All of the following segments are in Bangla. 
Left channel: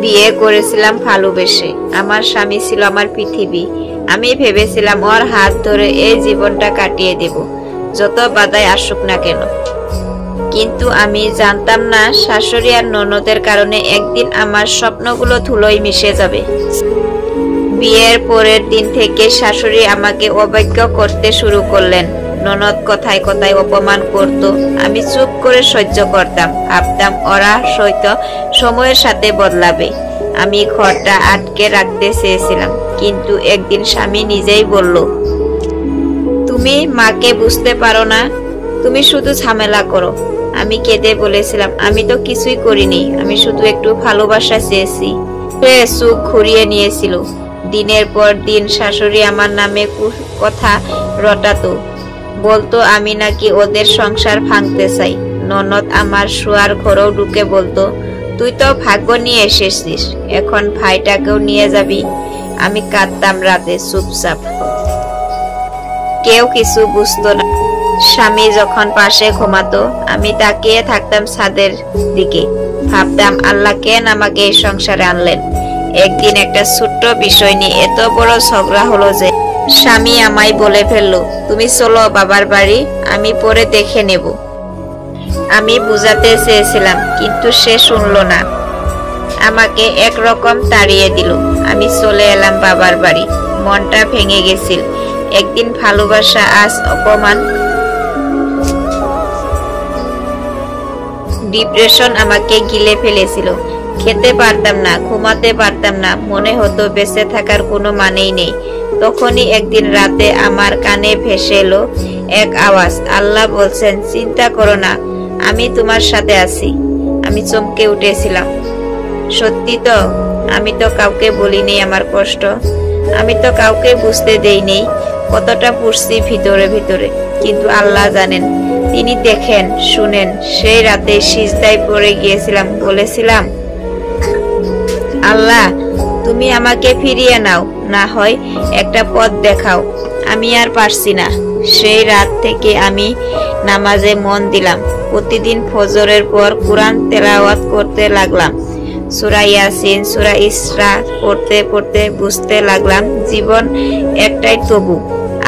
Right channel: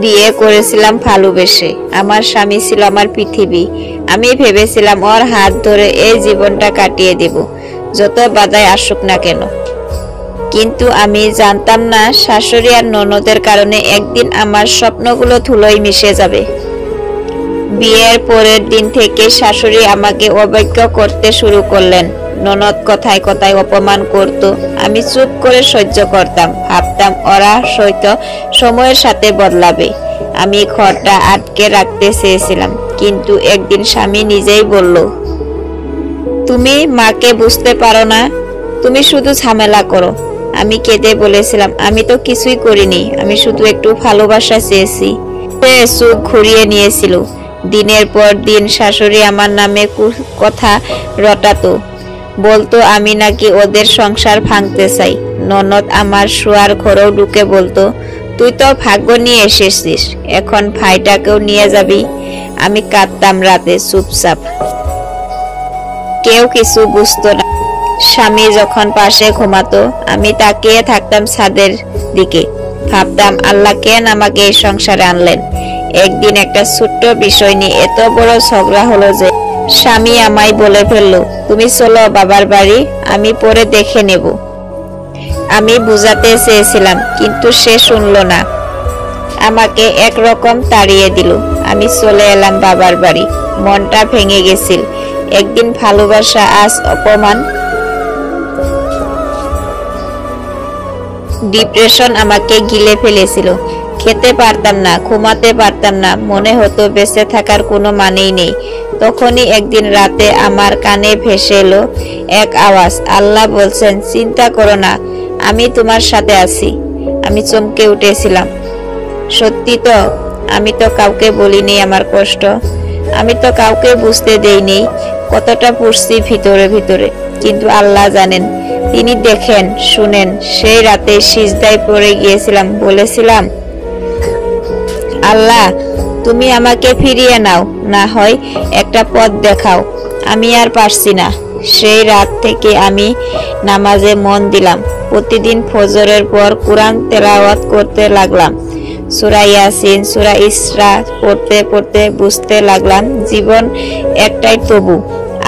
বিয়ে করেছিলাম ভালোবেসে। আমার স্বামী ছিল আমার পৃথিবী। আমি ভেবেছিলাম ওর হাত ধরে এই জীবনটা কাটিয়ে দেব, যত বাধাই আসুক না কেন। কিন্তু আমি জানতাম না শাশুড়ি আর ননদের কারণে একদিন আমার স্বপ্নগুলো ধুলোয় মিশে যাবে। বিয়ের পরের দিন থেকে শাশুড়ি আমাকে অবজ্ঞ করতে শুরু করলেন। ননদ কথায় কথায় অপমান করত। আমি চুপ করে সহ্য করতাম, ভাবতাম ওরা হয়তো সময়ের সাথে বদলাবে। আমি ঘরটা আটকে রাখতে চেয়েছিলাম, কিন্তু একদিন স্বামী নিজেই বলল, তুমি মাকে বুঝতে পারো না, তুমি শুধু ঝামেলা করো। আমি কেঁদে বলেছিলাম, আমি তো কিছুই করিনি, আমি শুধু একটু ভালোবাসা চেয়েছি। সে চোখ ঘুরিয়ে নিয়েছিল। দিনের পর দিন শাশুড়ি আমার নামে কথা রটাতো, বলতো আমি নাকি ওদের সংসার ভাঙতে চাই। ননদ আমার শোয়ার ঘরেও ঢুকে বলতো, তুই তো ভাগ্য নিয়ে এসেছিস, এখন ভাইটাকেও নিয়ে যাবি। আমি কাঁদতাম রাতে চুপচাপ, কেউ কিছু বুঝতো না। স্বামী যখন পাশে ঘুমাতো, আমি তাকিয়ে থাকতাম ছাদের দিকে, ভাবতাম আল্লাহ কেন আমাকে এই সংসারে আনলেন। একদিন একটা ছোট্ট বিষয় নিয়ে এত বড় ঝগড়া হলো যে স্বামী আমায় বলে ফেললো, তুমি চলো বাবার বাড়ি, আমি পরে দেখে নেব। আমি বুঝাতে চেয়েছিলাম, কিন্তু সে শুনলো না, আমাকে একরকম তাড়িয়ে দিল। আমি চলে এলাম বাবার বাড়ি। মনটা ভেঙে গেছিল। একদিন ভালোবাসা, আজ অপমান। ডিপ্রেশন আমাকে গিলে ফেলেছিল। খেতে পারতাম না, ঘুমাতে পারতাম না, মনে হতো বেঁচে থাকার কোনো মানেই নেই। তখনই একদিন রাতে আমার কানে ভেসে এলো এক আওয়াজ, আল্লাহ বলছেন, চিন্তা করো না, আমি তোমার সাথে আছি। আমি চমকে উঠেছিলাম। সত্যি তো, আমি তো কাউকে বলিনি আমার কষ্ট, আমি তো কাউকে বুঝতে দেইনি কতটা পড়ছি ভিতরে ভিতরে। কিন্তু আল্লাহ জানেন, তিনি দেখেন, শুনেন। সেই রাতে সিজদায় পড়ে গিয়েছিলাম, বলেছিলাম, আল্লাহ তুমি আমাকে ফিরিয়ে নাও, না হয় একটা পথ দেখাও, আমি আর পারছি না। সেই রাত থেকে আমি নামাজে মন দিলাম। প্রতিদিন ফজরের পর কোরআন তেলাওয়াত করতে লাগলাম। সূরা ইয়াসিন, সূরা ইসরা পড়তে পড়তে বুঝতে লাগলাম, জীবন একটাই, তবু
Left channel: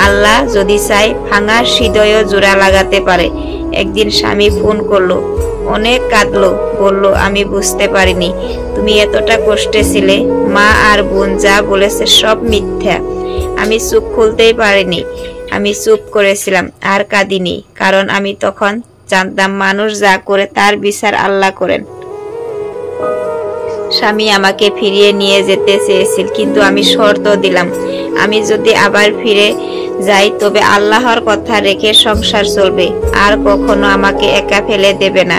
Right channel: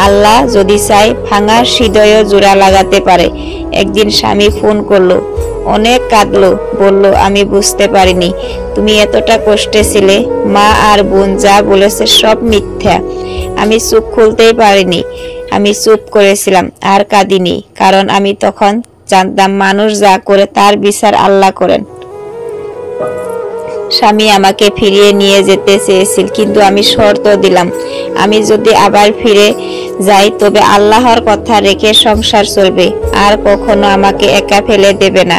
আল্লাহ যদি চায় ভাঙা হৃদয়ে জোড়া লাগাতে পারে। একদিন স্বামী ফোন করলো, অনেক কাঁদলো, বলল, আমি বুঝতে পারিনি তুমি এতটা কষ্টে ছিলে। মা আর বোন যা বলেছে সব মিথ্যা। আমি চোখ খুলতেই পারিনি। আমি চুপ করেছিলাম, আর কাঁদিনি, কারণ আমি তখন জানতাম মানুষ যা করে তার বিচার আল্লাহ করেন। স্বামী আমাকে ফিরিয়ে নিয়ে যেতে চেয়েছিল, কিন্তু আমি শর্ত দিলাম, আমি যদি আবার ফিরে যাই তবে আল্লাহর কথা রেখে সংসার চলবে, আর কখনো আমাকে একা ফেলে দেবে না।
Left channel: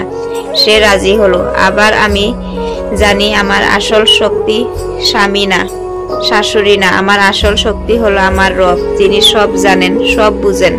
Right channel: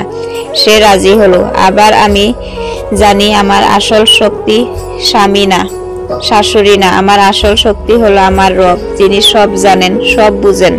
সে রাজি হলো। আবার আমি জানি আমার আসল শক্তি স্বামী না, শাশুড়ি না, আমার আসল শক্তি হলো আমার রব, যিনি সব জানেন, সব বুঝেন।